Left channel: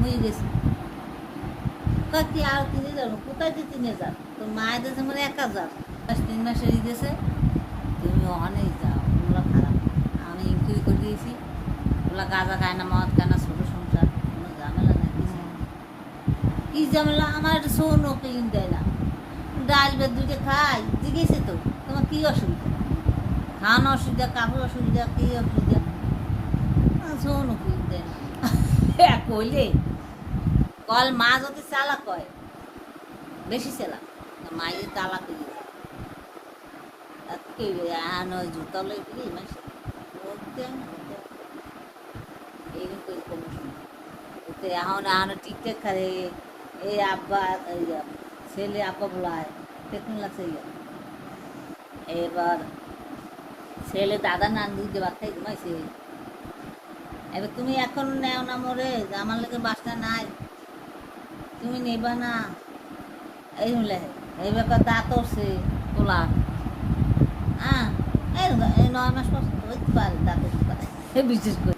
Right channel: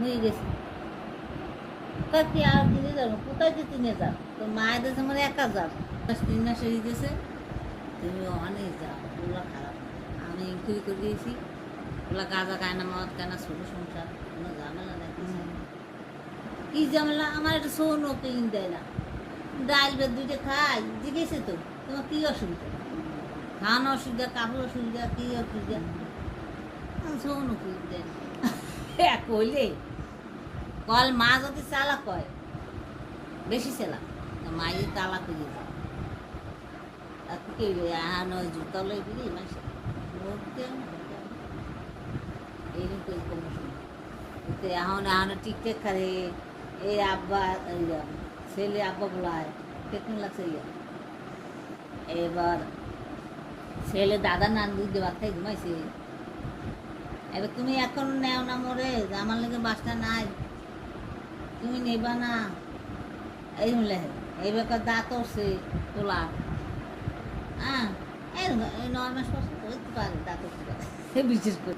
মুই গেছি কি আর 3,000 কোথায় যে 3,000 তো মায়ের দেশে মানে 1,000 3 মাসের দিয়েছে তুমি অনেক যাও ওগুলো খারাপ আমি ইনকুয়ারি করে দিয়েছি ওগুলো গাঁজা খায় না মদ খায় না ছোটো সংসার কোনো ঝামেলা নাই কি ঝামেলা আমার একটা শোনো কিন দেয় না ডাল বেদ দুটো খাই জিজ্ঞেসে তো তোমার কী অসুবিধা খাওয়ানো অসুবিধা কাপড় অসুবিধা কী অসুবিধা শোনো কিন দেয় না কইলে কল মা যদি চালাক কয় বেশি চালাক মাই তালাক হয়ে যায় জুতা লই বুঝি মাসে এইরকম কোনো সময় এখন এখন টিকটক খারে এই আব্বা ছেলে আব্বা বলায় টেকনো লাগছে এবার ছেলে দাদা নান দুই দিয়ে ভাত খাই ঘুমাইছে এবার তুমি এখন নেও না মোরে আমার লেগে বাসটা নাই তুমি নেবা না এই হলে এই ব্যাপার দাঁত উঠছে তোলা হ্যাঁ এই 9 মাস পর্যন্ত হইতে পারে দাঁত উঠতে পারে বিশেষ করে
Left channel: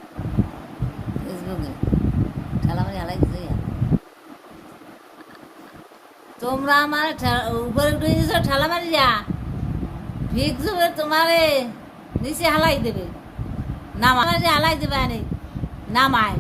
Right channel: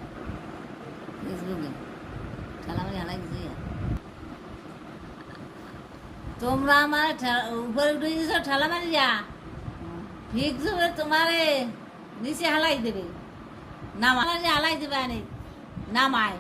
ফেসবুকে ঠেলামারি হালাই দিছে তোমরা আমার উপরে উঠে দিয়েছ ঠেলামারি যা ভিক্স তোমারে নিচে হালাই দেবে নামাই হালাই দেবে আনে নামায়